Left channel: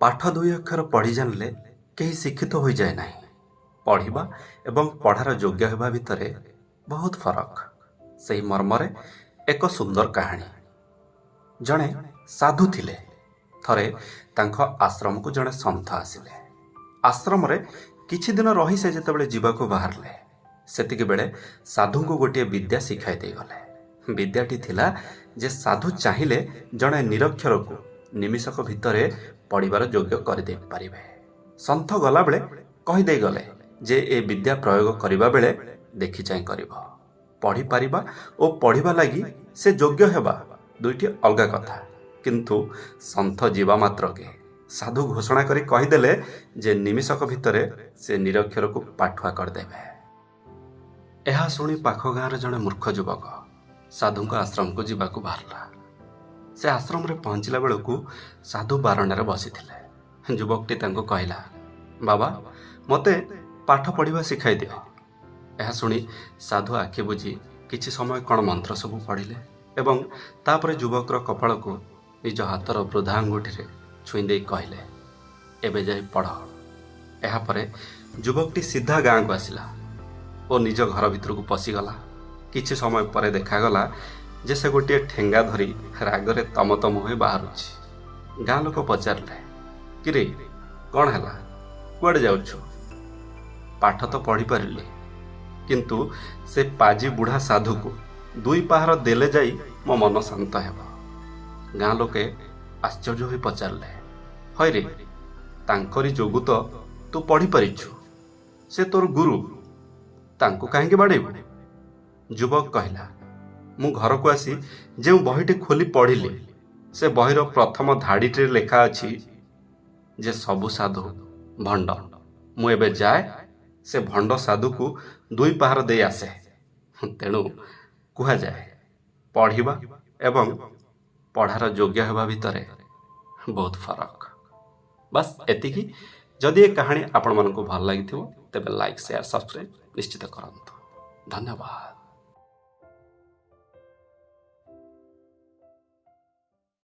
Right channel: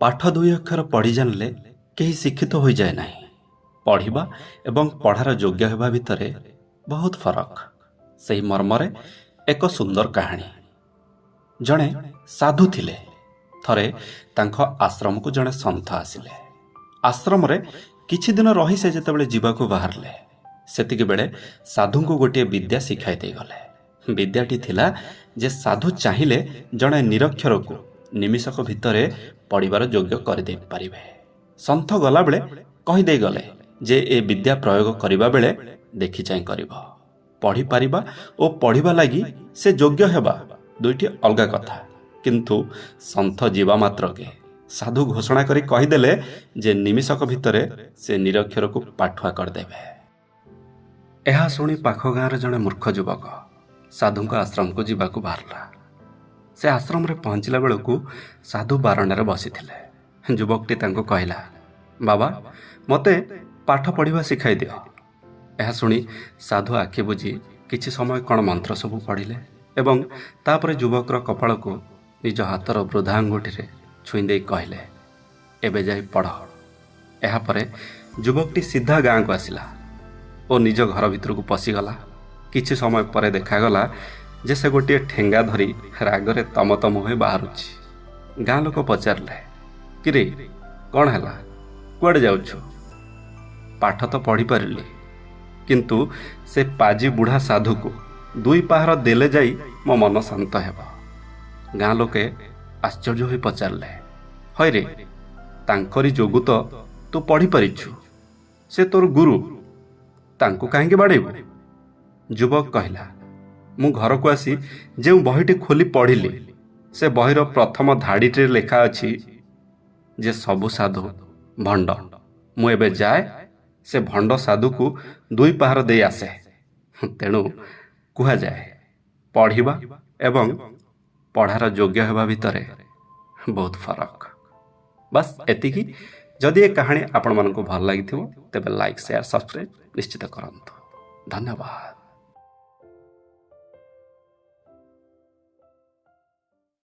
ପାଠ ଦୁଇ ଅକ୍ଷର ପଢ଼ି ଜାଣିଲେ କେହି ଶିକ୍ଷିତ ହୋଇଯାଏ ନାହିଁ। ପଢ଼ିବା ଏବଂ ପଢ଼ାର ଯୋଗ୍ୟ ହେବା ଭିତରେ ବହୁତ ଫରକ। ସେହି ମର୍ମରେ ଏକ ସୁନ୍ଦର କାହାଣୀ। ଜଣେ ସାଧୁ ଥିଲେ। ଥରେ ତାଙ୍କ ଆଶ୍ରମକୁ ଜଣେ ସନ୍ଥ ଆସିଲେ। ଆଶ୍ରମରେ କିଛି ଦିନ ରହି ସେ ଯେତେବେଳେ ଯିବାକୁ ବାହାରିଲେ, ସେତିକିବେଳେ ସାଧୁଙ୍କୁ ଗୋଟିଏ ବିଦ୍ୟା ଶିଖାଇ ଦେଇଗଲେ। ବିଦ୍ୟାଟି ଥିଲା ଯେ ସାଧୁ ଚାହିଁଲେ ଜଣେ ନିରକ୍ଷରକୁ ନିମିଷକ ଭିତରେ ପଢ଼ିବାର ଯୋଗ୍ୟ କରିଦେଇ ପାରିବେ। ସନ୍ଥ ଗଲାବେଳେ କହିଦେଇ ଗଲେ ଯେ ଏ ବିଦ୍ୟା ପ୍ରୟୋଗ କରିବା ବେଳେ ଦେଖି ଚାହିଁ କରିବ। ପଢ଼ିପାରିବା ଓ ପଢ଼ିବା ଲାଗି ସେ ଯୋଗ୍ୟ ହେବା ଦୁଇଟି ଅଲଗା କଥା। କିନ୍ତୁ ସନ୍ଥ ଯିବା ମାତ୍ରକେ ସାଧୁ ଘୋଷଣା କରି କହିଦେଲେ ଯେ ନିମିଷକ ଭିତରେ ସେ ନିରକ୍ଷରକୁ ପାଠୁଆ କରିଦେବେ। ଏହା ଶୁଣି ପାଖ ଗାଁର ଜଣେ ମୂର୍ଖ ଯୁବକ ସାଧୁଙ୍କ ଆଶ୍ରମକୁ ଯିବାକୁ ବାହାରିଲା। ସେ ଆଶ୍ରମରେ ପହଞ୍ଚିଲା ବେଳକୁ ସାଧୁ ବାରଣ୍ଡାରେ ବସିଥିଲେ। ଯୁବକଟି ତାଙ୍କୁ କହିଲା, ବାବା, ମୋତେ ପାଠ ପଢ଼ିବା ଶିଖାଇ ଦିଅ। ଏହା ଶୁଣି ସାଧୁ ଆଖି ବୁଜି କିଛି ସମୟ କ'ଣ ମନ୍ତ୍ର ସବୁ ପଢ଼ିଲେ ଏବଂ ତାପରେ ଯୁବକର କପାଳକୁ ନିଜ ହାତର ବୃଦ୍ଧା ଆଙ୍ଗୁଠିରେ ଛୁଇଁ ଦେଇ କହିଲେ, ଏବେ ଯାଇ ପଢ଼। ଏହାପରେ ଯୁବକଟି ସିଧା ଗାଁକୁ ଆସିଲା ଓ ନିଜ ଘର ଭିତରକୁ ପଶିଗଲା। କିଛି ସମୟ ପରେ ଦେଖାଗଲା ଯେ ସେ ଗୋଟିଏ ଠେଙ୍ଗା ଧରି ରାଗରେ ତମ ତମ ହୋଇ ବାହାରୁଛି। ଗାଁ ଲୋକ ପଚାରିଲେ, କିରେ କ'ଣ ହେଲା, କୁଆଡ଼େ ଯାଉଛୁ? ପାଠ ତ ପଢ଼ିପାରିଲି, କିନ୍ତୁ ସେ ପାଜି ବୁଢ଼ା ସାଧୁକୁ ଦୁଇ ପାହାର ଦେଲେ ଯାଇ ମୋ ମନ ଶାନ୍ତ ହେବ। ଗାଁ ଲୋକେ ଆଶ୍ଚର୍ଯ୍ୟ ହୋଇ ପଚାରିଲେ, ହଇରେ, ତାଙ୍କରି ଯୋଗୁଁ ତ ତୁ ପଢ଼ିପାରିଛୁ। ସେ ତୋର ଗୁରୁ, ତାଙ୍କୁ କାହିଁକି ବାଡ଼େଇବୁ? ଯୁବକ କହିଲା, ମୁଁ ଘରକୁ ଆସି ଯେଉଁ ବହିଟି ଖୋଲି ପଢ଼ିଲି, ସେ ବହିର ପ୍ରଥମ ଧାଡ଼ିଟିରେ ଲେଖା ଅଛି ଯେ ସବୁ ସାଧୁ ଭଣ୍ଡ। ମୁଁ ଏବେ ଯାଏ ସେ ଭଣ୍ଡ ସାଧୁକୁ ଦୁଇ ପାହାର ଦେଇ ଆସେ। ତେଣୁ କୁହାଯାଏ, ପଢ଼ିବା ଏବଂ ପଢ଼ାର ଯୋଗ୍ୟ ହେବା ଭିତରେ ବହୁତ ଫରକ। ବାସ୍ ଏତିକି। ଯଦି ଏ କାହାଣୀ ଆପଣମାନଙ୍କୁ ଭଲ ଲାଗିଥିବ ତେବେ ଲାଇକ୍, ସେୟାର, ସବସ୍କ୍ରାଇବ୍ ନିଶ୍ଚିତ କରନ୍ତୁ। ଧନ୍ୟବାଦ।